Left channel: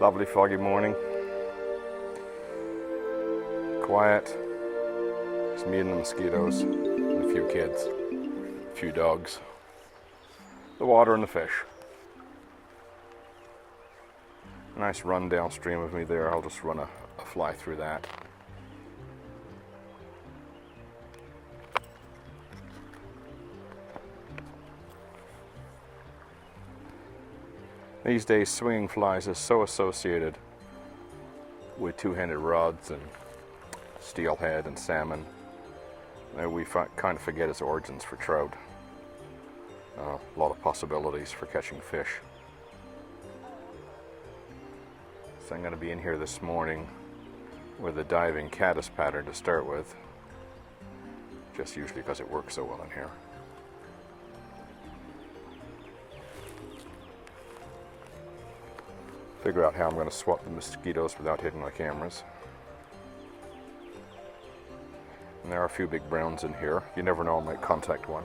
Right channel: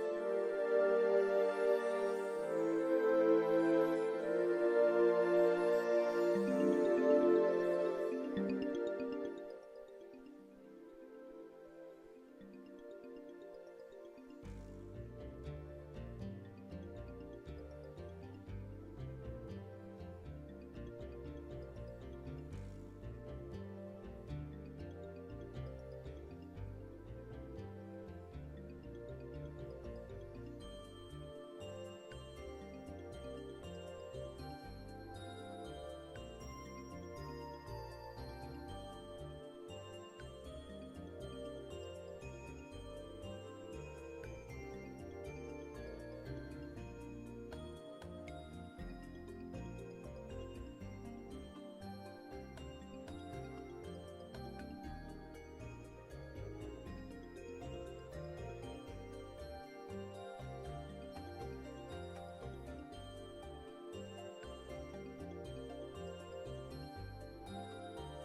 Lovely foggy morning. Quiet. It's me and the mosquitoes, and a few kids, a few dogs, the water and the fish. A nice run downstream of me there. I'll just run a fly through that. These days, swinging flies is so associated with two-handed rods and steelhead and salmon. We kind of forget its origins for trout. A lot of possibilities for catching fish. So I'm going to be in here this morning with a diving caddis pattern to start with, just usually because it works so well in here. Figure out how I'm going to swat the mosquitoes without hitting my cameras. And there are a few big browns in here. You never know, I might contact one.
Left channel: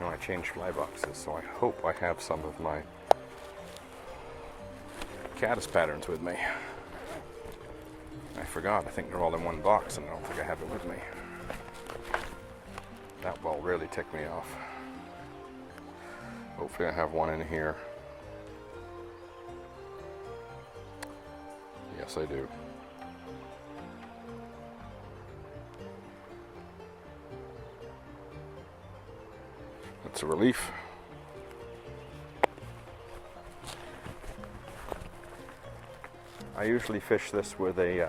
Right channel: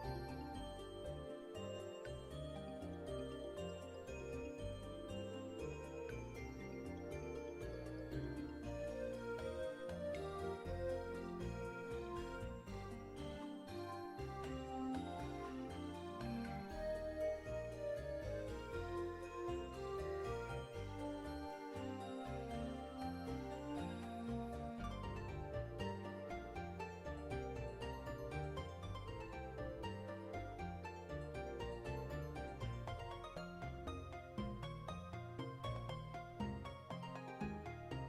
Now I changed fly boxes, so I hope I have some of my caddis patterns with me. I forgot, I think they're all in one box and I don't think I have it with me. That will really tick me off. Hopefully I have one in here. Yes, I do. It's a relief. I usually fish this with a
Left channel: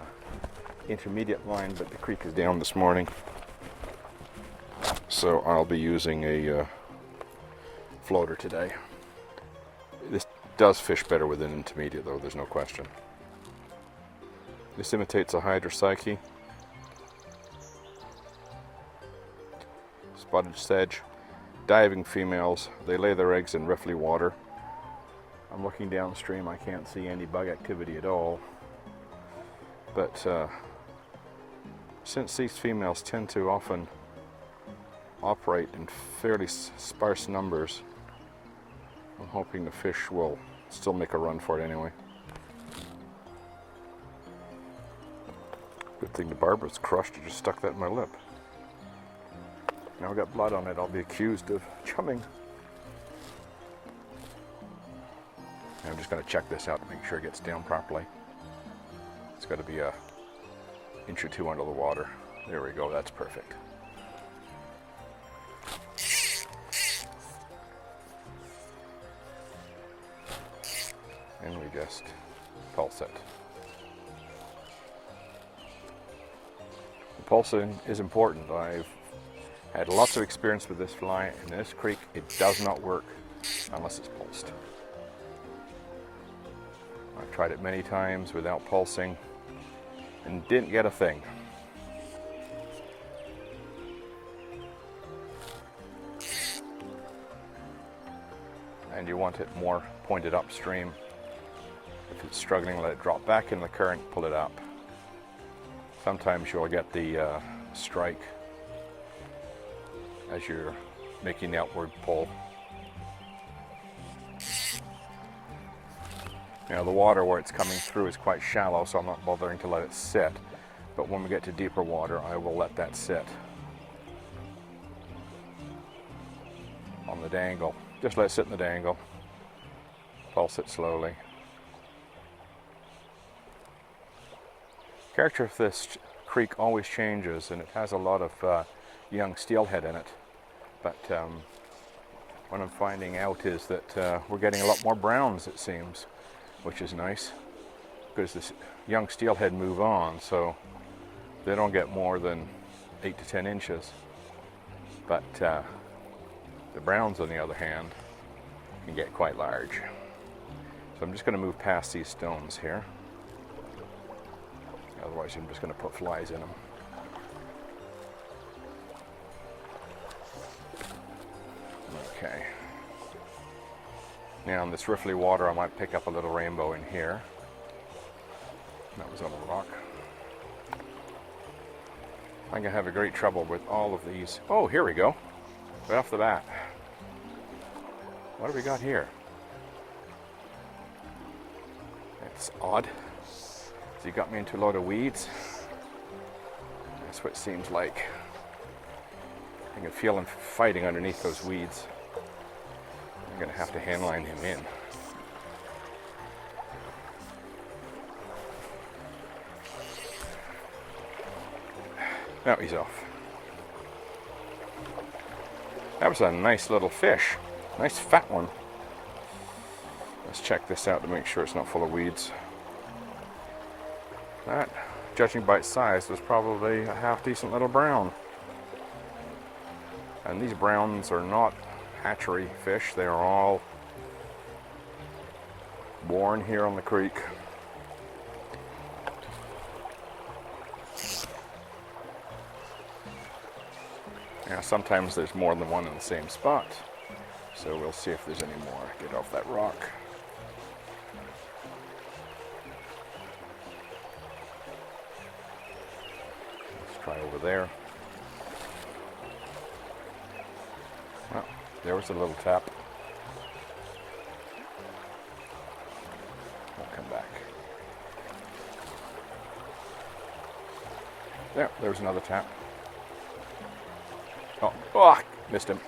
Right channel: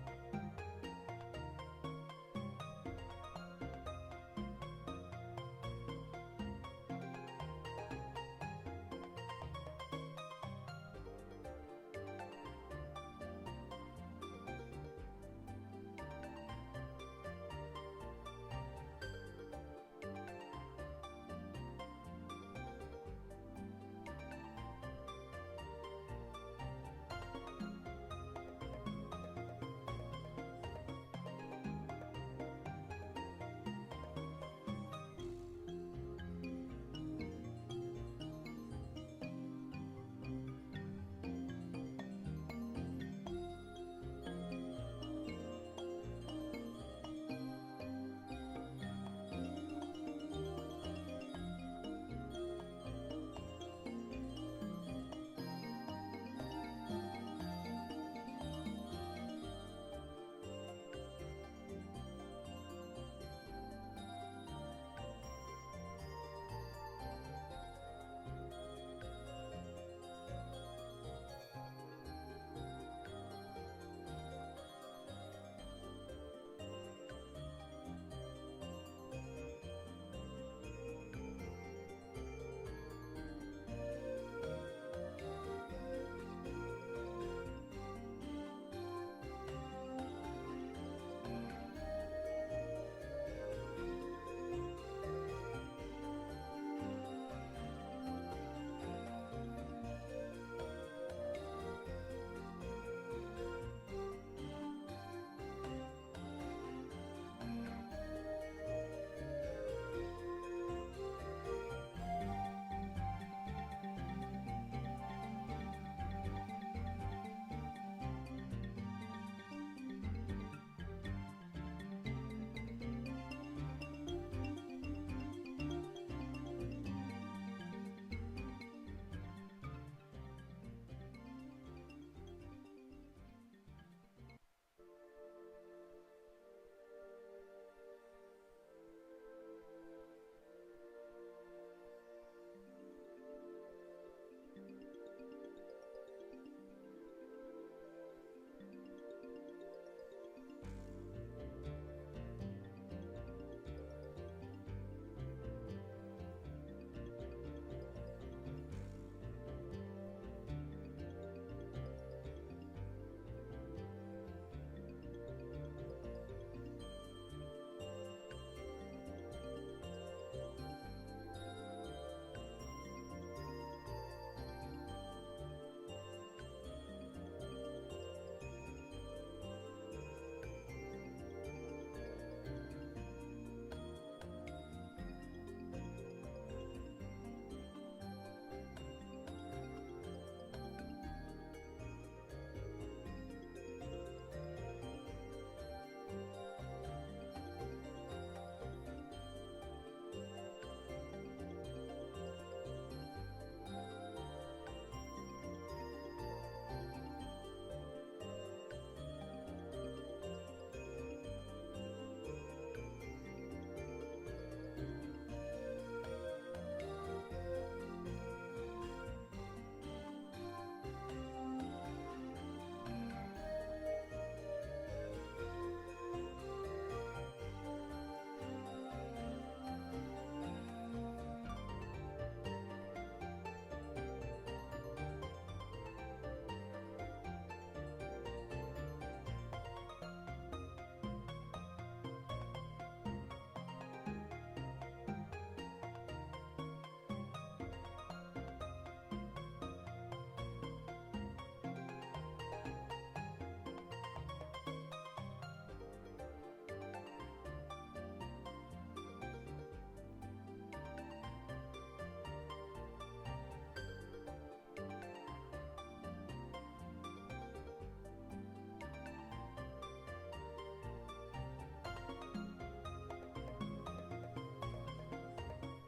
intermediate line, but the creek is down this morning, so I'll be using a floater today. This does fish better with an intermediate though, there's no question. This imitates a hydropsyche, spotted sedge, diving females. They lay their eggs in riffly water. I'm looking downstream, I can't see any bug activity at all. But since these females tend to often operate in fairly sparse numbers, I'm hoping the fish will still make a run for it anyway. Good thing the barb was crushed, I just stuck that in my lip. Now I've got blood on it, I'll be accused of chumming. I'm just going to check this out to make sure it gets down properly. It's got to be an inch or two under the water. There we go, that's perfect. And we just pulse it. Pulsing is important. I've had lots of experience with this fly. In this creek, it does not work unless it's pulsed. I've tried it many times without pulsing and didn't get a thing. And you want it more pointed upstream. If it's struggling, let it drop back in the current, pull it up. Sometimes you'll get the strike as you're making the upward pull. Now the water where it's coming through is quite shallow, so I'm not bothering to let it sit. But when we get to deeper water, I will let that sit on the dangle. Just let it sit in the dangle. Pulse it slowly. Character of this creek always changes, and it has a lot of young steelhead in it. But what I'm finding out is that we're getting a lot more browns, it seems, which is nice, because the young steelhead move on, so they don't get more than 8 to 10 inches. But the browns, on the other hand, can get quite large. So I'm just going to move past these stones here. Otherwise, I'm just going to put flies in them. Okay. Now in this riffly water, I might pick up a little rainbow in here. That was on a rock. I'm going to have a great trouble with all of these. Oh, here we go. Right off the bat. What do we got here? It's odd. He got me into a lot of weeds. That's what it seems like. I can feel him fighting underneath those weeds. I'm gonna have to handline him in. Now he's off. That was a nice little fish. Nice fat one. Let's check this out to make sure it's not full of weeds. That, judging by its size, was probably a half-decent little brown. And these browns are not hatchery fish. They are all born here on the creek. Now, sometimes there's more than one in the same spot. So we'll see if there's any more. Get off that rock. Let's try over there. Well, there was a little tap. I'll come back. There's another tap. Oh, missed him.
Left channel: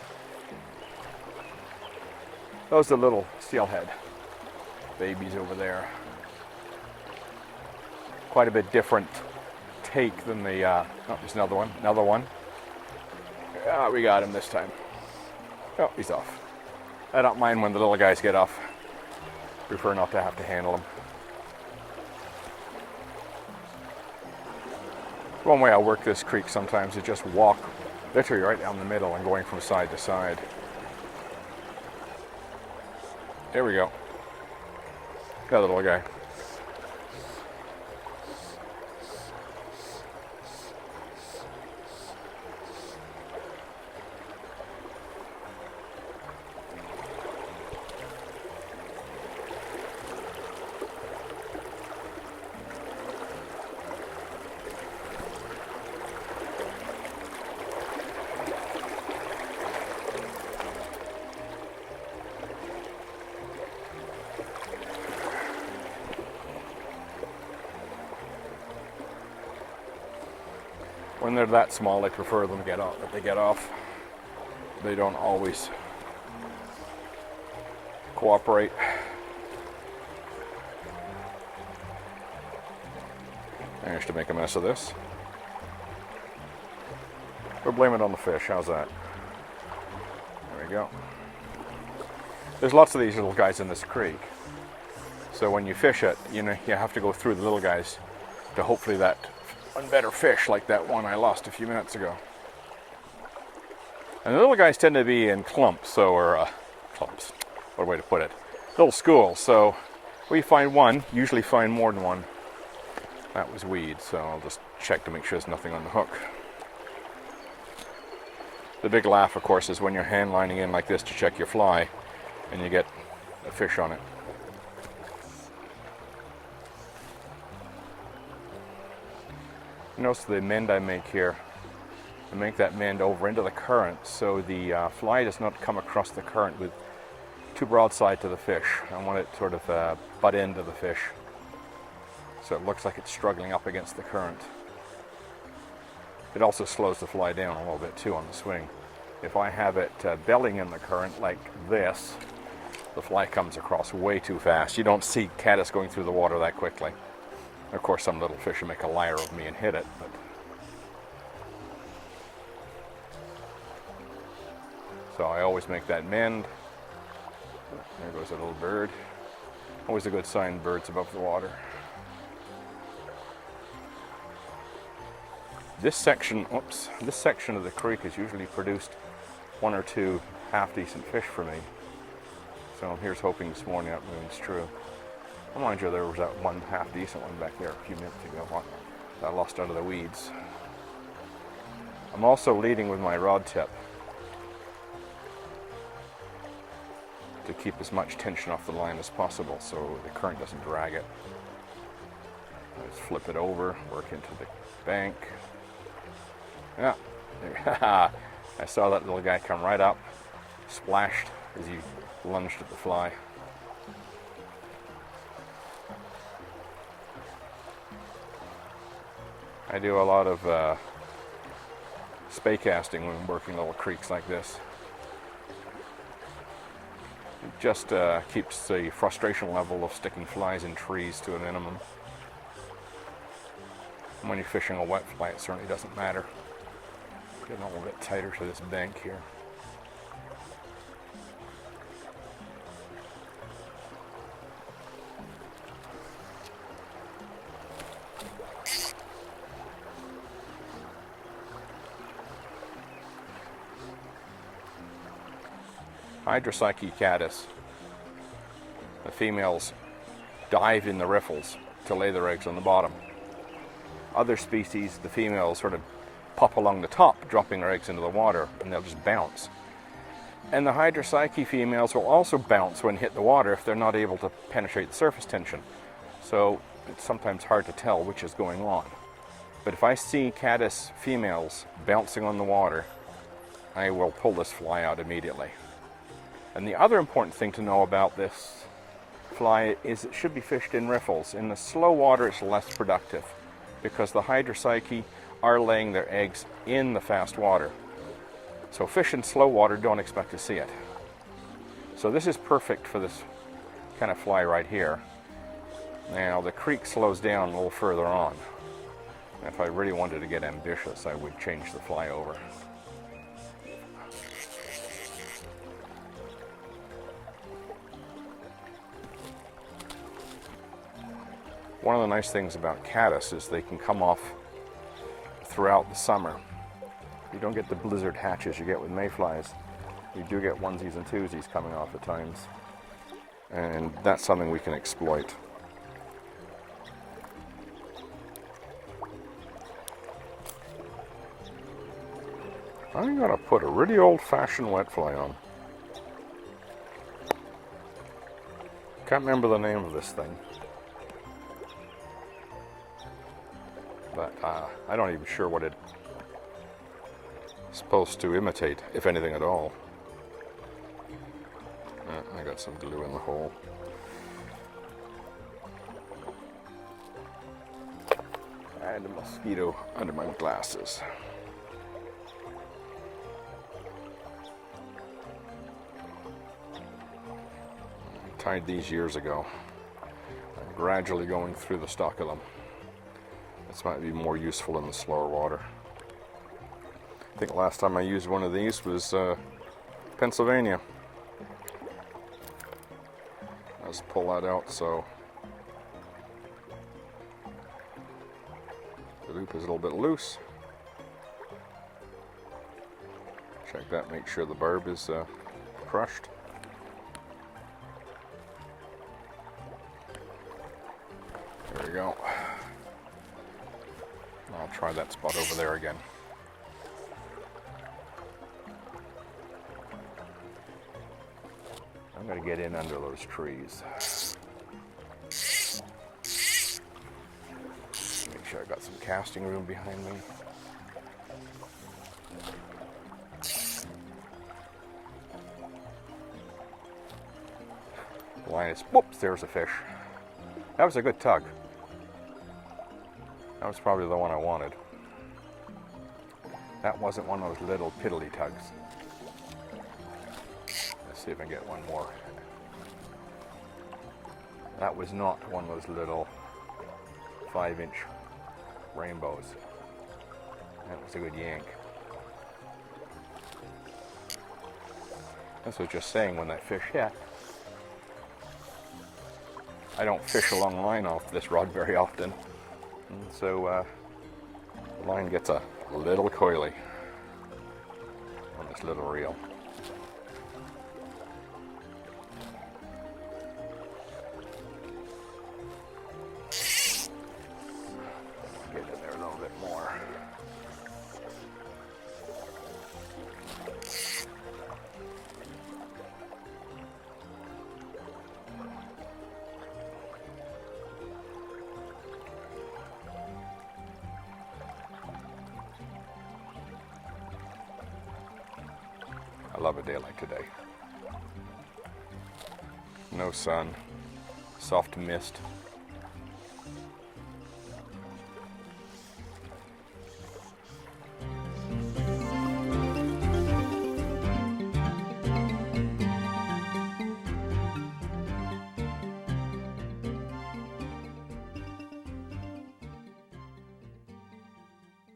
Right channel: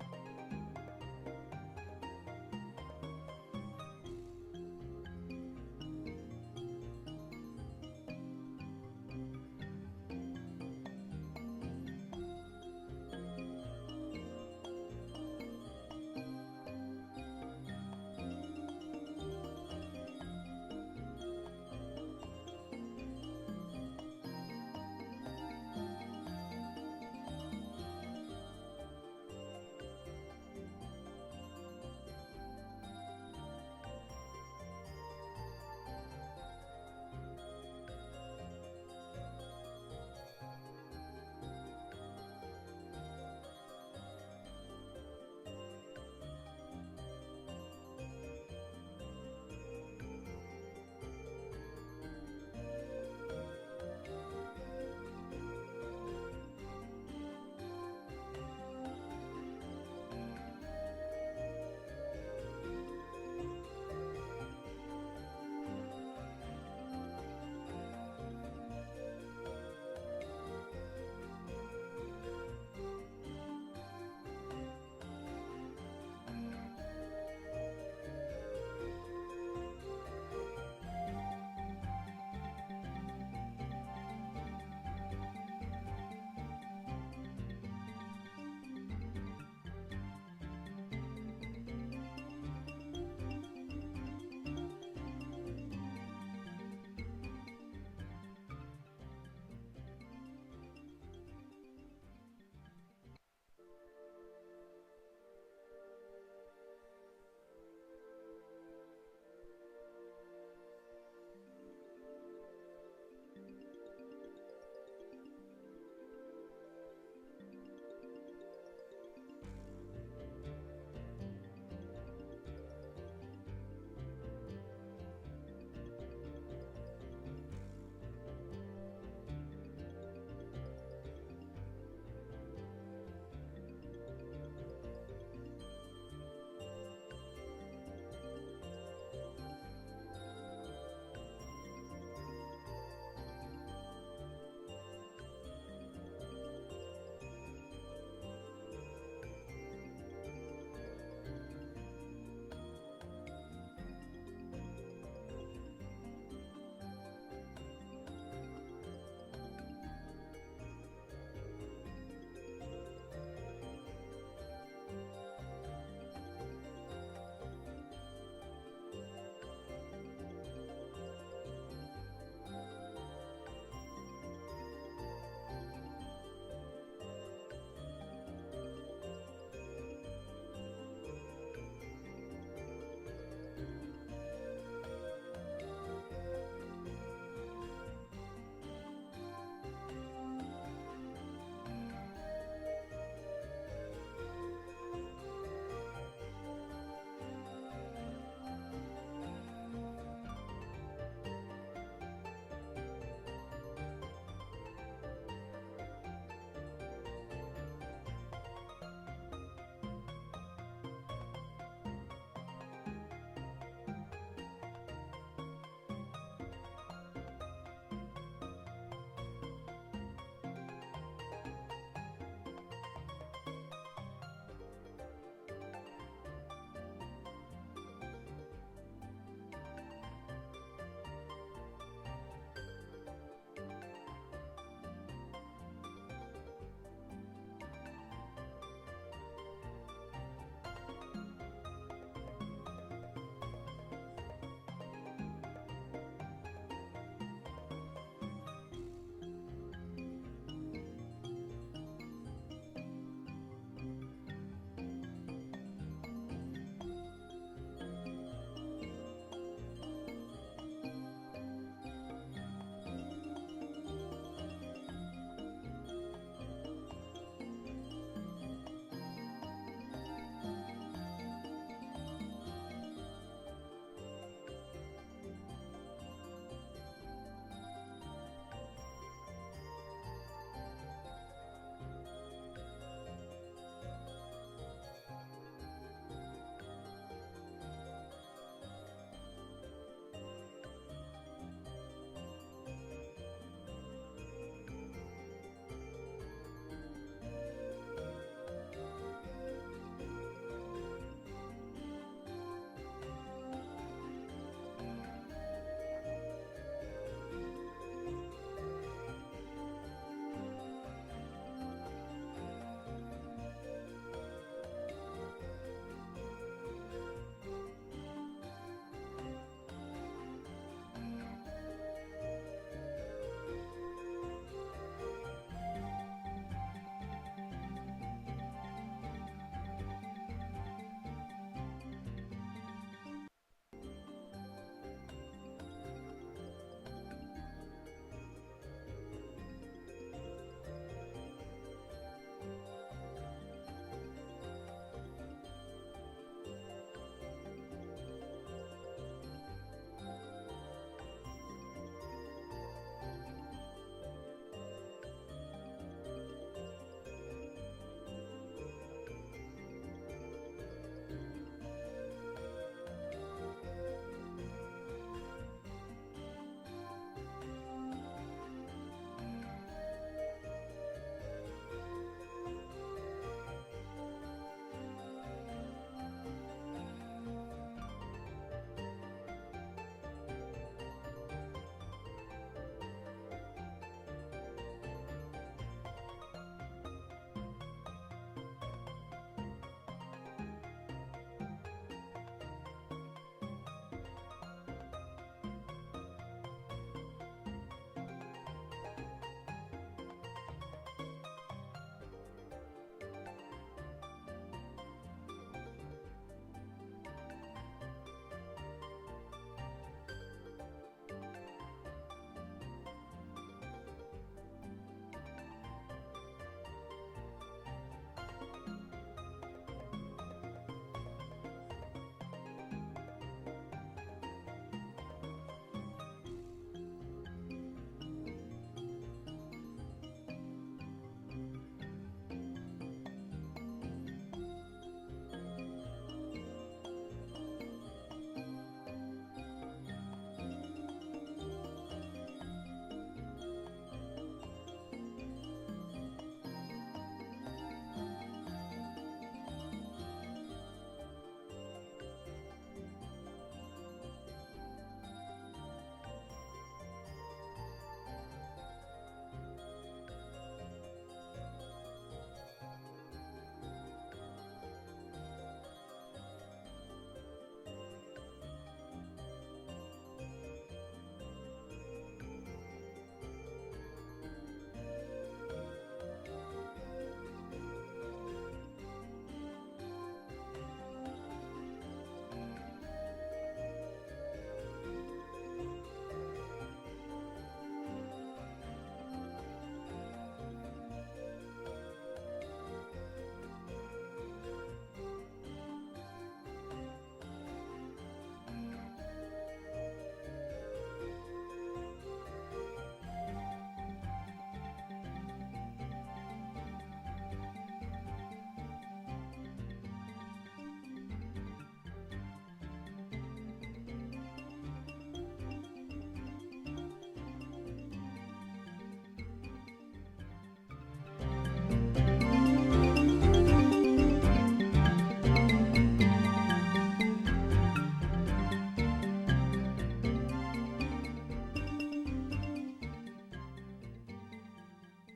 Those are little steelhead babies over there. Quite a bit different take than the, oh, there's another one. We got him this time. Oh, he's off. I don't mind when the little guys get off. Prefer not to have to handle them. One way I work this creek sometimes is just walk literally right down the middle and going from side to side. There we go. Got a little guy. When they're that small, I prefer them to get off. If they get off, they don't always cooperate. Managed to make a mess of this. We'll blame it on the fish. How's that? There we go. There's lots of these little guys in this creek. So when you fish it, you know, you have to go through the little guys to hopefully that one better fish like that one I lost a few minutes ago. And the little guys tend to be in clumps, clumps, what a way to put it. Little schools, so we find one, usually find more than one. That was weed, so I'll just check to make sure there's nothing on the hook. The big laugh, of course, is when you're hand lining in like this to check your fly and you get a fish on it. Notice the mend I make here. I make that mend over into the current so the fly does not come across the current with too broadside to the fish. I want it sort of butt into the fish so it looks like it's struggling up against the current. It also slows the fly down a little bit too on the swing. If I have it bellying in the current like this, the fly comes across way too fast. You don't see caddis going through the water that quickly. Of course, some little fish will make a liar of me and hit it, but so I always make that mend. There goes a little bird. Always a good sign, birds above the water. This section of the creek has usually produced one or two half-decent fish for me. So here's hoping this morning that moon's true. Mind you, there was that one half-decent one back there a few minutes ago that I lost out of the weeds. I'm also leading with my rod tip to keep as much tension off the line as possible so the current doesn't drag it. Let's flip it over, work into the bank. Yeah, I saw that little guy come right up, splashed as he lunged at the fly. I do a lot of spay casting when I'm working little creeks like this. It just keeps the frustration level of sticking flies in trees to a minimum. When you're fishing a wet fly, it certainly doesn't matter. Get a little bit tighter to this bank here. Hydropsyche caddis. The females dive in the riffles to lay their eggs on the bottom. Other species, the females sort of pop along the top, dropping their eggs into the water, and they'll just bounce. And the hydropsyche females will also bounce when hit the water if they're not able to penetrate the surface tension. So it's sometimes hard to tell which is going on. But if I see caddis females bouncing on the water, I will pull this fly out immediately. And the other important thing to know about this fly is it should be fished in riffles. In the slow water, it's less productive because the hydropsyche are laying their eggs in the fast water. So fish in slow water, don't expect to see it. So this is perfect for this kind of fly right here. Now the creek slows down a little further on. If I really wanted to get ambitious, I would change the fly over. One of the nice things about caddis is they can come off throughout the summer. You don't get the blizzard hatches you get with mayflies. You do get onesies and twosies coming off at times. And that's something we can exploit. I'm gonna put a really old-fashioned wet fly on. Can't remember the name of this thing. But I'm not even sure what it's supposed to imitate, if anything at all. I got some glue in the hole. I had a mosquito under my glasses. Tied these years ago. I'm gradually going through the stock of them. This might be more useful in the slower water. I think the last time I used one of these was Pennsylvania. Let's pull that out so the loop is a little bit loose. Check that, make sure the barb is crushed. There we go. I'll try that spot over there again. I'm going to get in under those trees. Make sure I got some casting room behind me. Line is, whoops, there's a fish. That was a good tug. That was probably the one I wanted. That wasn't one of those little piddly tugs. Let's see if I can get one more. That was not one of those little 5-inch rainbows. That was a good yank. This was just saying when that fish hit. I don't fish a long line off this rod very often. So the line gets a little coily on this little reel. Get in there a little bit more. I love a day like today. No sun, soft mist,